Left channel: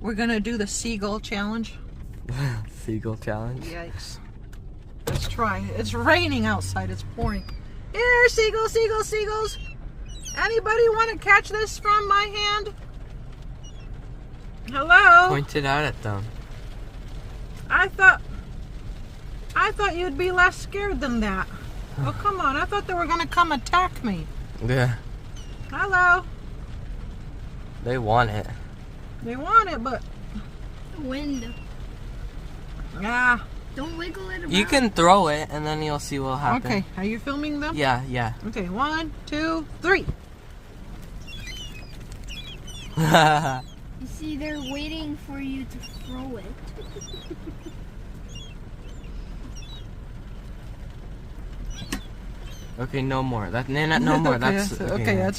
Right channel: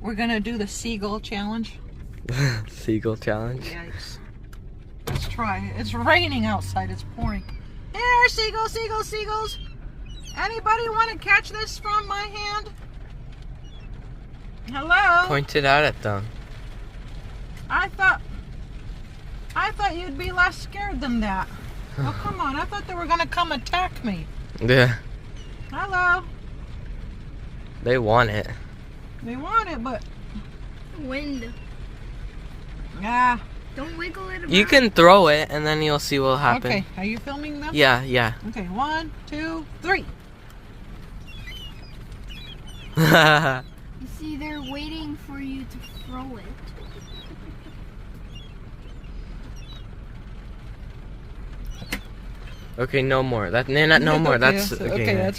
We're gonna do the seagull challenge. Seagull challenge? Yikes. Let's try it. It's raining outside. It's pouring. Here, seagulls, seagulls, seagulls. Anybody want to catch this from my hand? Hello? Point it out at them. I thought you'd be less scared than that. Oh, come on. I thought they were going to come attack me. Yeah. Hello? They want it. They want it, but... Wind. Yeah. Don't wiggle it around. You can throw it, and then you'll see what'll happen. Okay. Are you filming them? Yeah, yeah. Okay. 1, 2, 3. You see, they're waiting for you to throw it. Okay, no more. No more. Okay, That's that's